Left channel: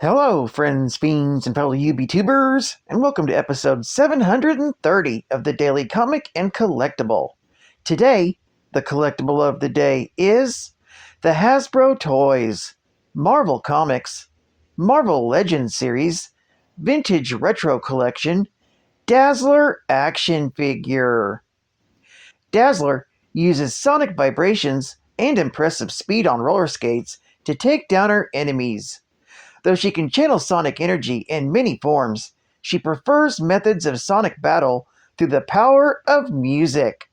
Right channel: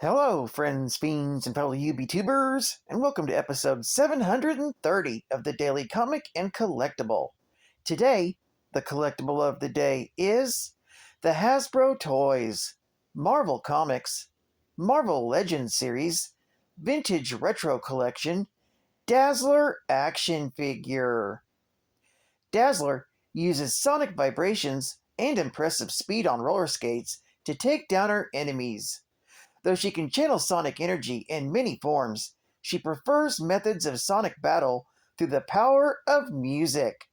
Hello, friends, fiends, and fellow UBTubers, and welcome to episode 730 of the Daily Comic and Collectible. Today, the collectible of the day is the Hasbro Toys, Marvel Comics, Marvel Legends Series, Vintage Retro Collection, Dazzler Action Figure. Dazzler uses sonic vibrations and impressive speed on roller skates to take down her enemies. Though she can channel sonic energy in many forms, she prefers methods of sonic battle through the power of music.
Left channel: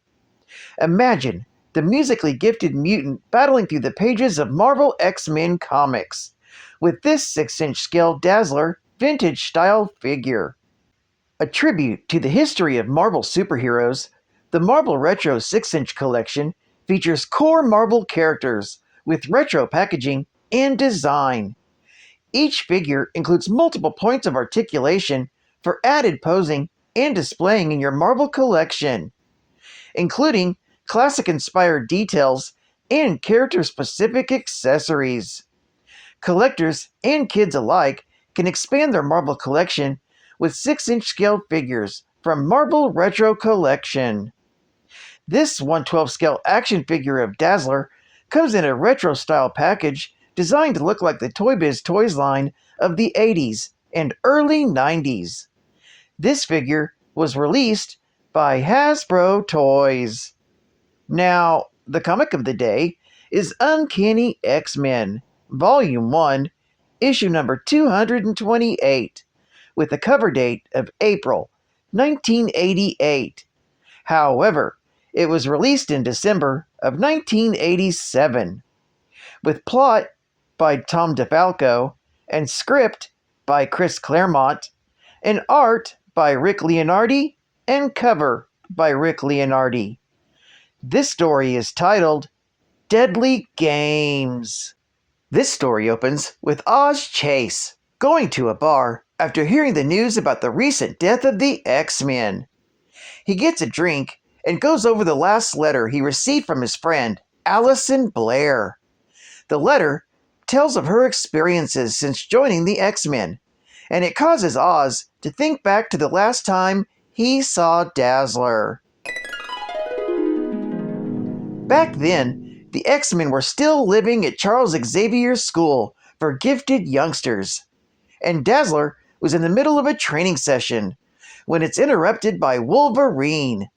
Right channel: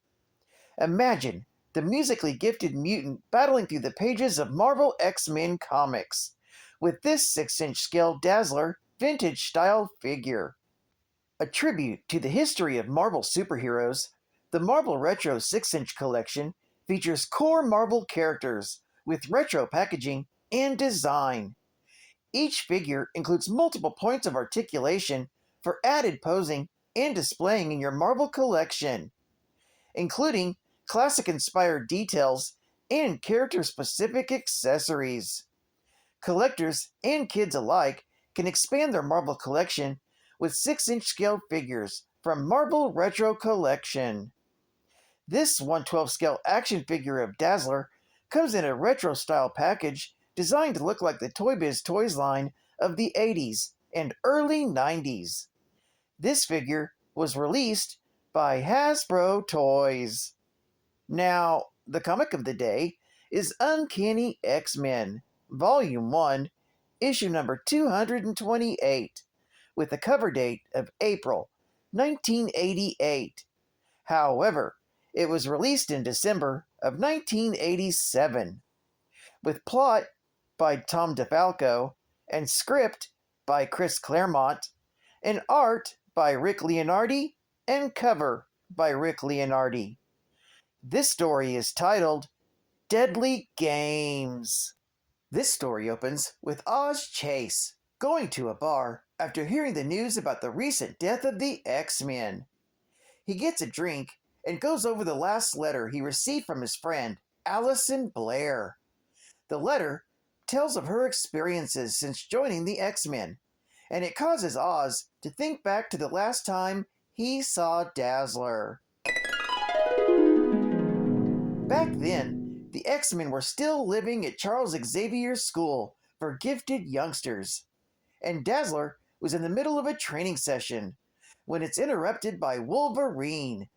Imagine the musically gifted mutant battling through the pages of Marvel X-Men comics with this 6-inch scale Dazzler vintage style figure. A tribute to the history of Marvel superheroes, the Marvel Retro 6-inch collection features core Marvel characters with retro packaging and design. Each figure includes multiple points of articulation for added posing and displaying in your Marvel collection, including classic-inspired details and character-specific accessories. Collectors and kids alike can expand their Marvel collection with 6-inch scale figures from Marvel Retro Collection. This 1/12 scale action figure of Dazzler comes in a retro-style package designed to look like the Toy Biz Toys line of the 80s and early 90s. This figure was released by Hasbro Toys. Now, the comic of the day is Uncanny X-Men, Volume 1, issue number 228, with a cover date of April 1988. However, it was released in December of 1987, with plot by Tom DeFalco, and script by Chris Claremont, and art by Rick Leonardi, and cover by Rick Leonardi. This story is titled Deadly Games. This story opens with Oz Chase going to a bar after hearing the news about the recent death of the X-Men. He gets a drink and goes over the last letter he received from his friend, Allison Blair. The letter tells of her experiences since joining the X-Men, and it causes Oz to think back to the last time he saw Dazzler. Back then, the X-Men were still living at Charles Xavier's school for gifted youngsters, and Dazzler was in the middle of a training session when it's interrupted by Wolverine.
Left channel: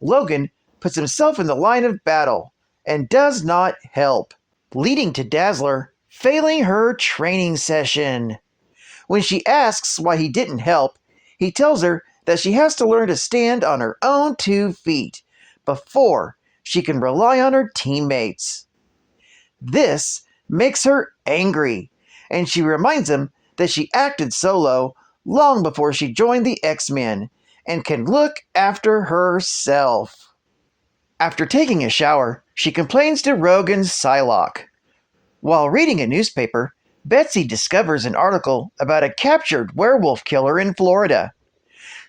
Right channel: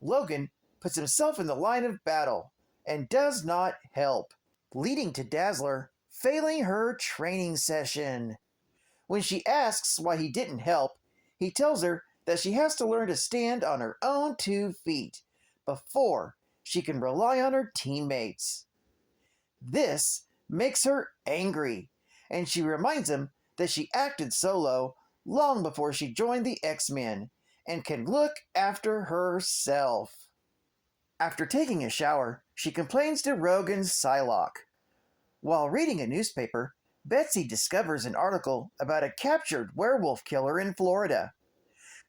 Logan puts himself in the line of battle and does not help, leading to Dazzler failing her training session. When she asks why he didn't help, he tells her that she has to learn to stand on her own 2 feet before she can rely on her teammates. This makes her angry, and she reminds him that she acted solo long before she joined the X-Men and can look after herself. After taking a shower, she complains to Rogan Psylocke. While reading a newspaper, Betsy discovers an article about a captured werewolf killer in Florida.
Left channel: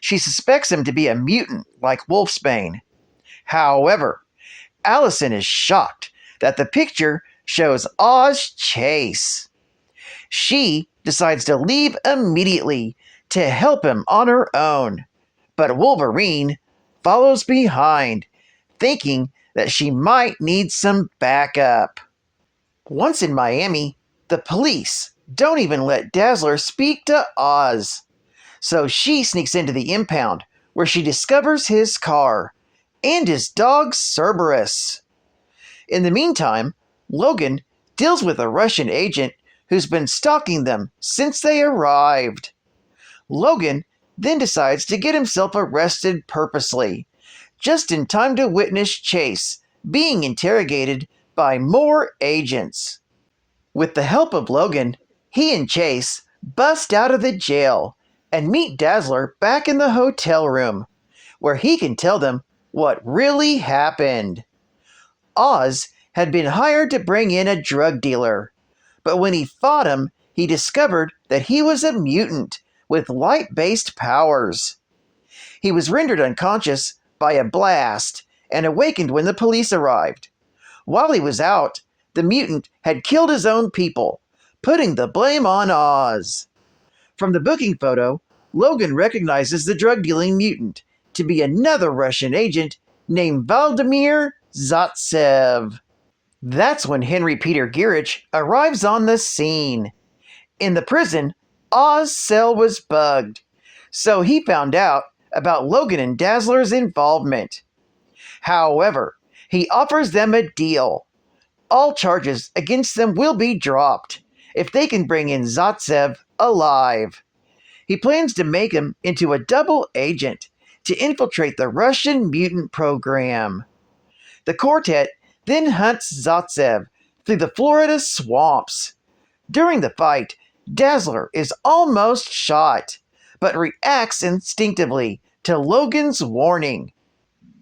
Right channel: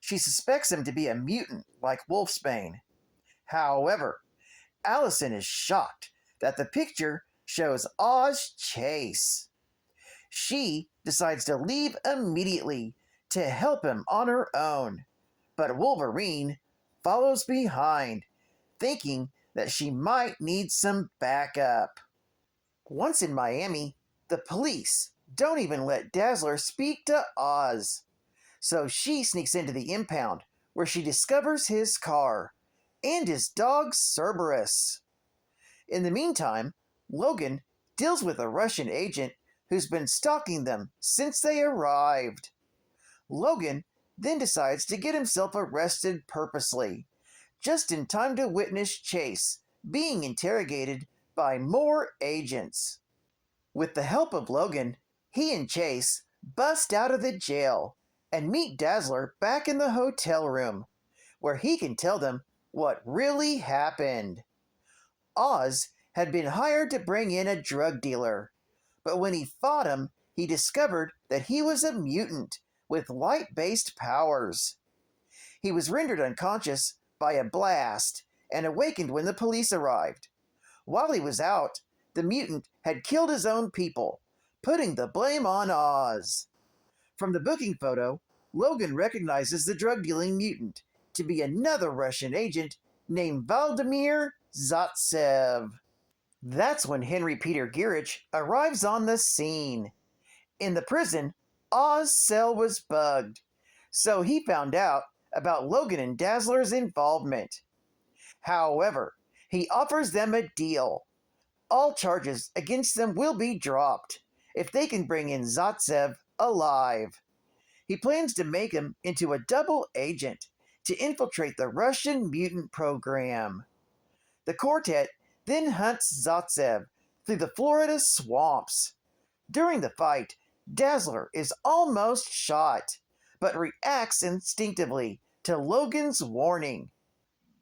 She suspects him to be a mutant like Wolfsbane. However, Allison is shocked that the picture shows Oz Chase. She decides to leave immediately to help him on her own, but Wolverine follows behind, thinking that she might need some backup. Once in Miami, the police don't even let Dazzler speak to Oz. So she sneaks into the impound, where she discovers his car and his dog Cerberus. In the meantime, Logan deals with a Russian agent who's been stalking them since they arrived. Logan then decides to get himself arrested purposely, just in time to witness Chase being interrogated by more agents. With the help of Logan, he and Chase bust out of the jail and meet Dazzler back in the hotel room, where he can tell them what really happened. Oz had been hired to bring in a drug dealer, but when he fought him, he discovered that he was a mutant with light-based powers. He was rendered unconscious by a blast and awakened when the police arrived. While he was out, the mutant had killed his own people, putting the blame on Oz. From the booking photo, Logan recognizes the drug-dealing mutant to be another Russian agent named Vladimir Zaitsev. That's when Henry Peter Gierich arrives on the scene. In the prison, Oz's cell was bugged, so he found out about Logan and Dazzler's involvement. However, he offers them a deal. All charges against them will be dropped if they can bring in Zaitsev alive. He plans to make him into a double agent to infiltrate the Russian mutant program. The quartet then hunts Zaitsev through the Florida swamps. During the fight, Dazzler is almost shot, but reacts instinctively to Logan's warning.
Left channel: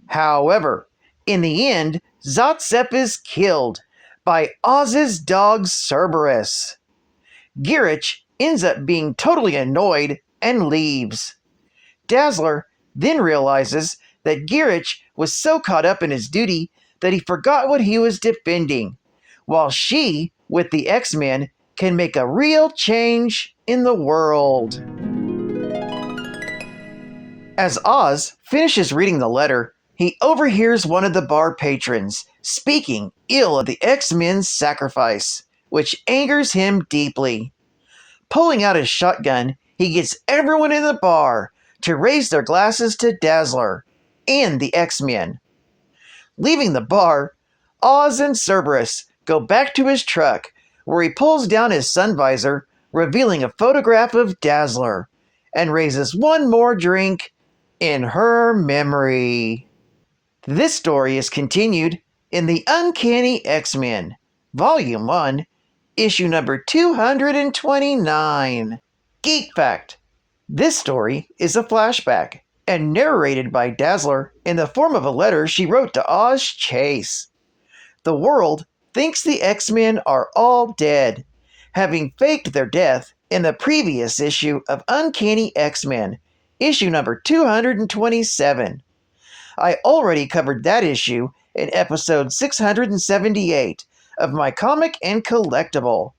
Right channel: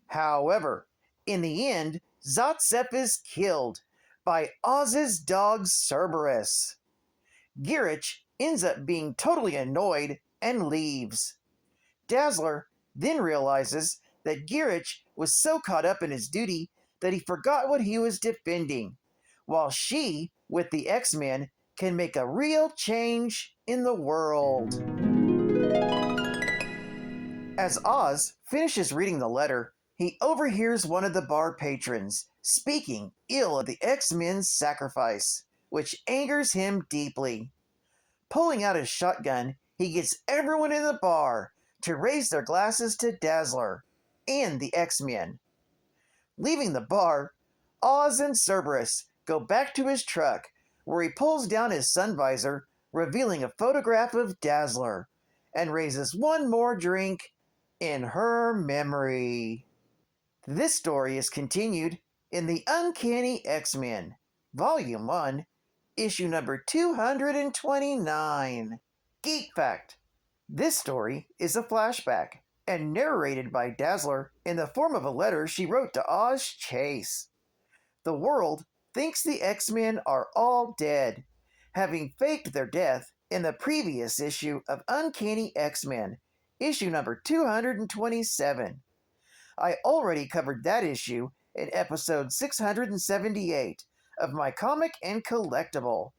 However, in the end, Zaitsev is killed by Oz's dog Cerberus. Gierich ends up being totally annoyed and leaves. Dazzler then realizes that Gierich was so caught up in his duty that he forgot what he was defending, while she, with the X-Men, can make a real change in the world. As Oz finishes reading the letter, he overhears one of the bar patrons speaking ill of the X-Men's sacrifice, which angers him deeply. Pulling out his shotgun, he gets everyone in the bar to raise their glasses to Dazzler and the X-Men. Leaving the bar, Oz and Cerberus go back to his truck, where he pulls down his sun visor, revealing a photograph of Dazzler, and raises one more drink in her memory. This story is continued in the Uncanny X-Men, Volume 1, Issue number 229. Geek Fact: this story is a flashback and narrated by Dazzler in the form of a letter she wrote to Oz Chase. The world thinks the X-Men are all dead, having faked their death in the previous issue of Uncanny X-Men, issue number 227. I already covered that issue in episode 678 of my comic and collectible.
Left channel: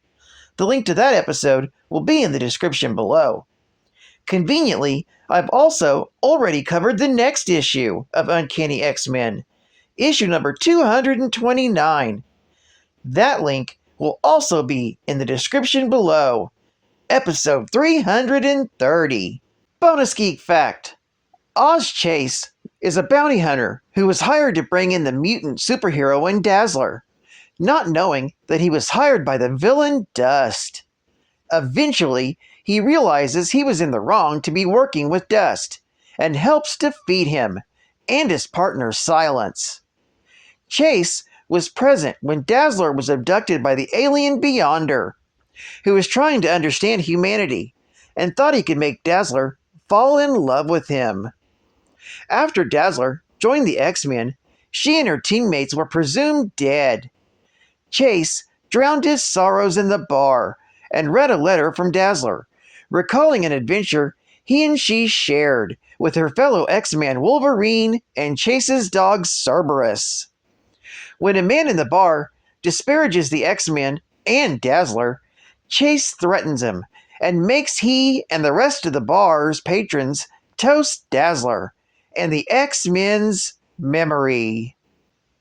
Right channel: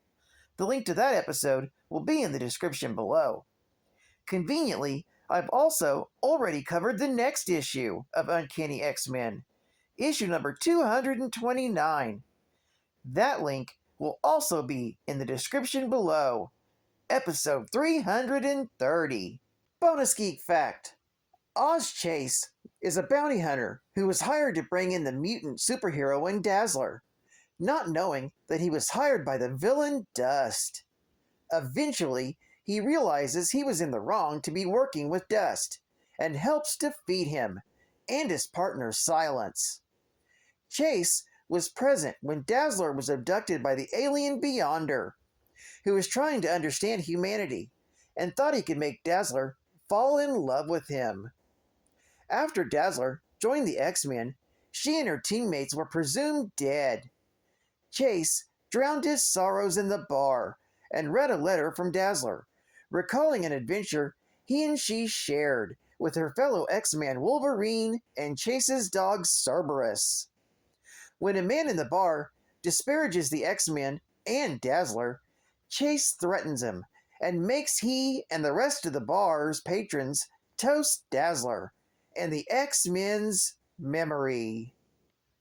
The link to that episode will be in the description below. Conveniently, I've also already covered the next issue of Uncanny X-Men, issue number 229. That link will also be in the description below. Episode 330. Bonus Geek Fact: Oz Chase is a bounty hunter who was hired to bring in the mutant superhero Dazzler, not knowing that he was hired by the villain Dust. Eventually, he realizes he was in the wrong to be working with Dust, and helps defeat him and his partner Silence. Chase was present when Dazzler was abducted by the alien Beyonder, who was trying to understand humanity, and thought he could make Dazzler fall in love with him. After Dazzler joined the X-Men, she and her teammates were presumed dead. Chase drowned his sorrows in the bar and read a letter from Dazzler, recalling an adventure he and she shared with her fellow X-Man Wolverine and Chase's dog Cerberus. When a man in the bar disparages the X-Men and Dazzler, Chase threatens him and makes he and the rest of the bar's patrons toast Dazzler and the X-Men's memory.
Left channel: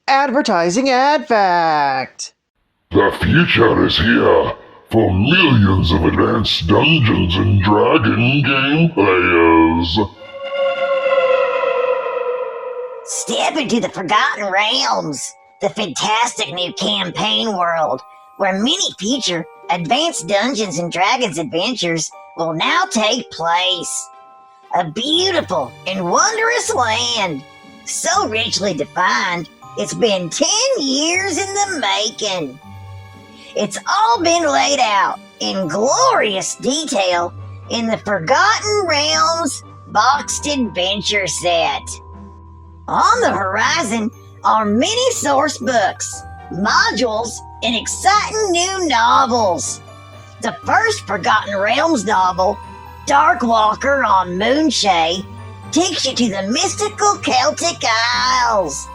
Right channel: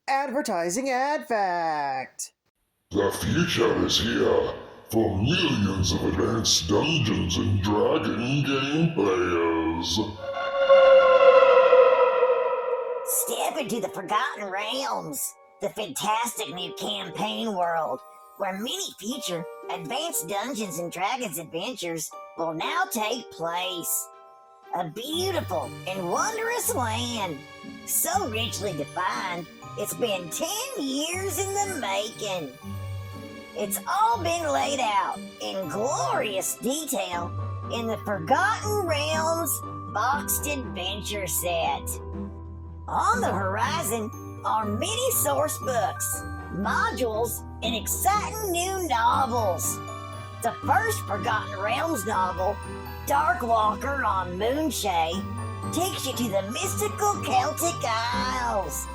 Advertising ad fact: the future is here for millions of advanced Dungeons and Dragons game players. Step into the Forgotten Realms, the fantastic new campaign world, where many future advanced Dungeons and Dragons adventures will now take place. A beautiful and wondrous land, so richly defined, it's been 10 years in the making. It's all been laid out in glorious detail in the Forgotten Realms Boxed Adventure Set. On the horizon are many source books, modules, and exciting new novels. The first Forgotten Realms novel, Darkwalker on Moonshae, takes you to the mystical Celtic Isles.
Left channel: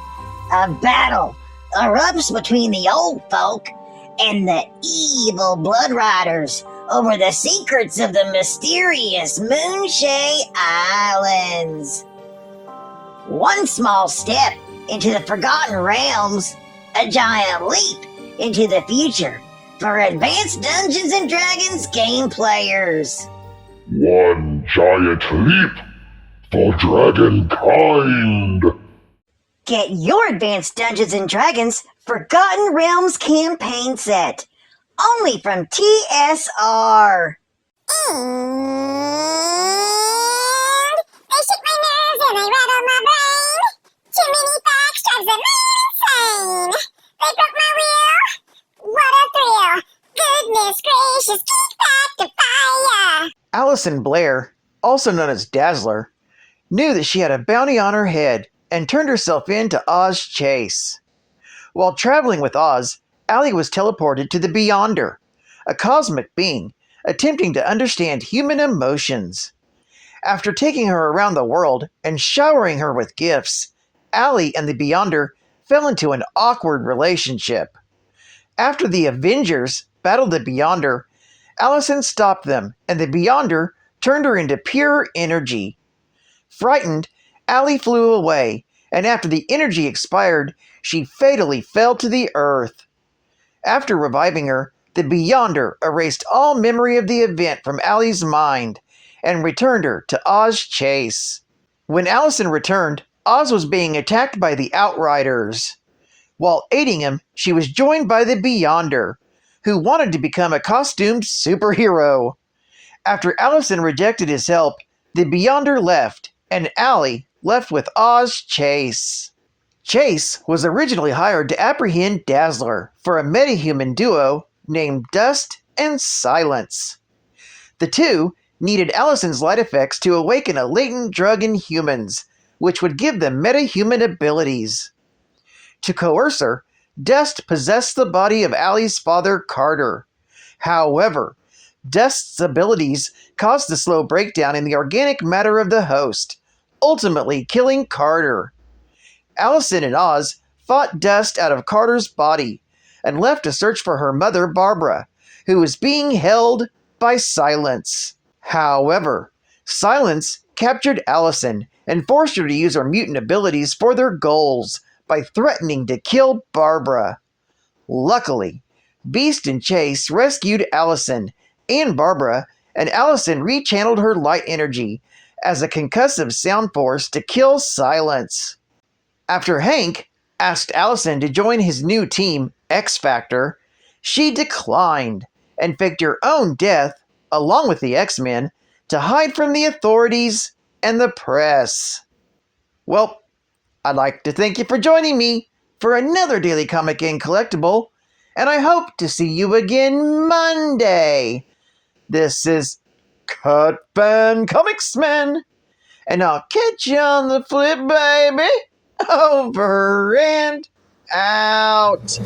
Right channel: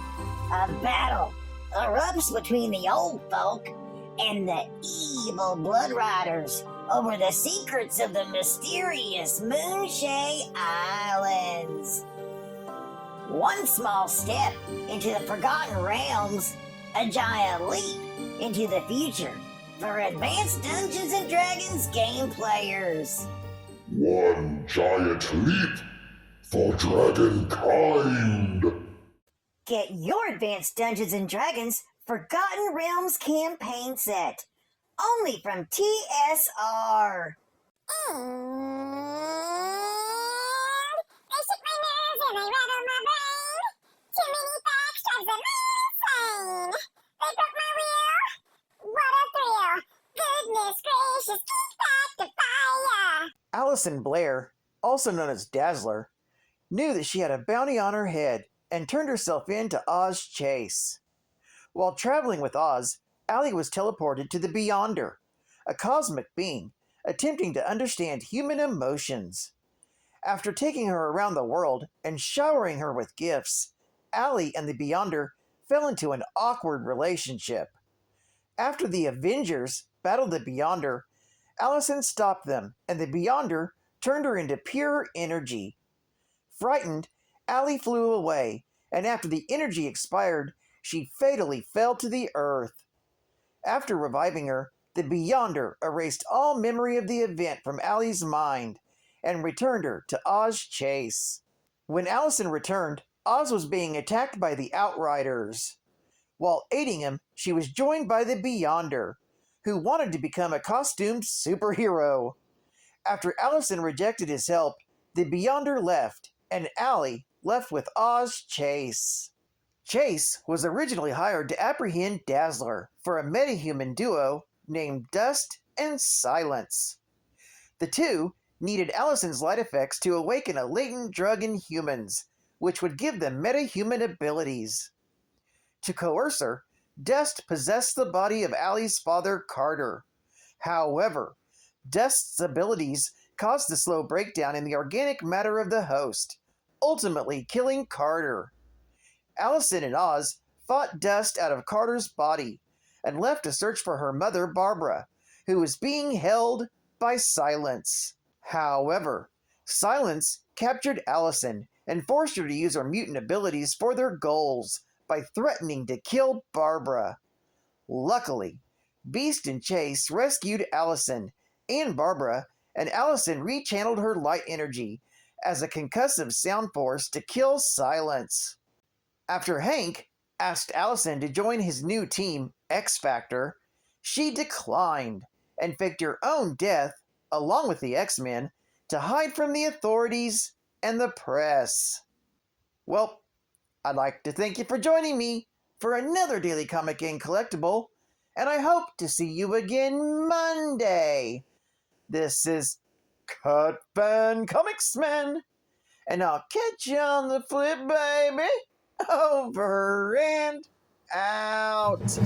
A battle erupts between the old folk and the evil Blood Riders over the secrets of the mysterious Moonshay Islands. One small step into the Forgotten Realms, a giant leap into the future for advanced Dungeons and Dragons game players. One giant leap for dragonkind. Get your Advanced Dungeons and Dragons Forgotten Realms campaign set, only from TSR. And they shake my nerves and they rattle my brain. Too many facts drives a man insane. They broke my wheel. What a thrill. Goodness gracious, kick back to fire. Allison Blair, also known as Dazzler, knew that she had a bounty on her head and turned herself in to Oz Chase. While traveling with Oz, Allie was teleported to the Beyonder, a cosmic being attempting to understand human emotions. After taking her around the world and showering her with gifts, Allie and the Beyonder fell into an awkward relationship. After the Avengers battled the Beyonder, Allison stopped them, and the Beyonder turned her into pure energy. Frightened, Allie flew away, and after the energy expired, she fatally fell to the earth. After reviving her, the Beyonder erased all memory of the event from Allie's mind and returned her to Oz Chase. When Allison returned, Oz was being attacked by the Outriders. While aiding him, she was joined by the Beyonder, who wanted to become a costumed superhero. After Allison rejected his help, the Beyonder left, and Allie left with Oz Chase. Chase was originally hired to apprehend Dazzler for a metahuman duo named Dust and Silence. The two needed Allison's light effects to awaken a latent drug in humans, which would give them metahuman abilities. To coerce her, Dust possessed the body of Allie's father, Carter. However, Dust's abilities caused a slow breakdown in the organic matter of the host, ultimately killing Carter. Allison and Oz fought Dust out of Carter's body and left to search for her mother, Barbara, who was being held by Silence. However, Silence captured Allison and forced her to use her mutant abilities for their goals by threatening to kill Barbara. Luckily, Beast and Chase rescued Allison and Barbara, and Allison rechanneled her light energy as a concussive sound force to kill Silence. After Hank asked Allison to join his new team, X Factor, she declined and faked her own death, along with the X-Men, to hide from the authorities and the press. Well, I'd like to thank you for joining me for another Daily Comic and Collectible, and I hope to see you again Monday. This is Cut Fan Comics Man, and I'll catch you on the flip, baby. Over and out.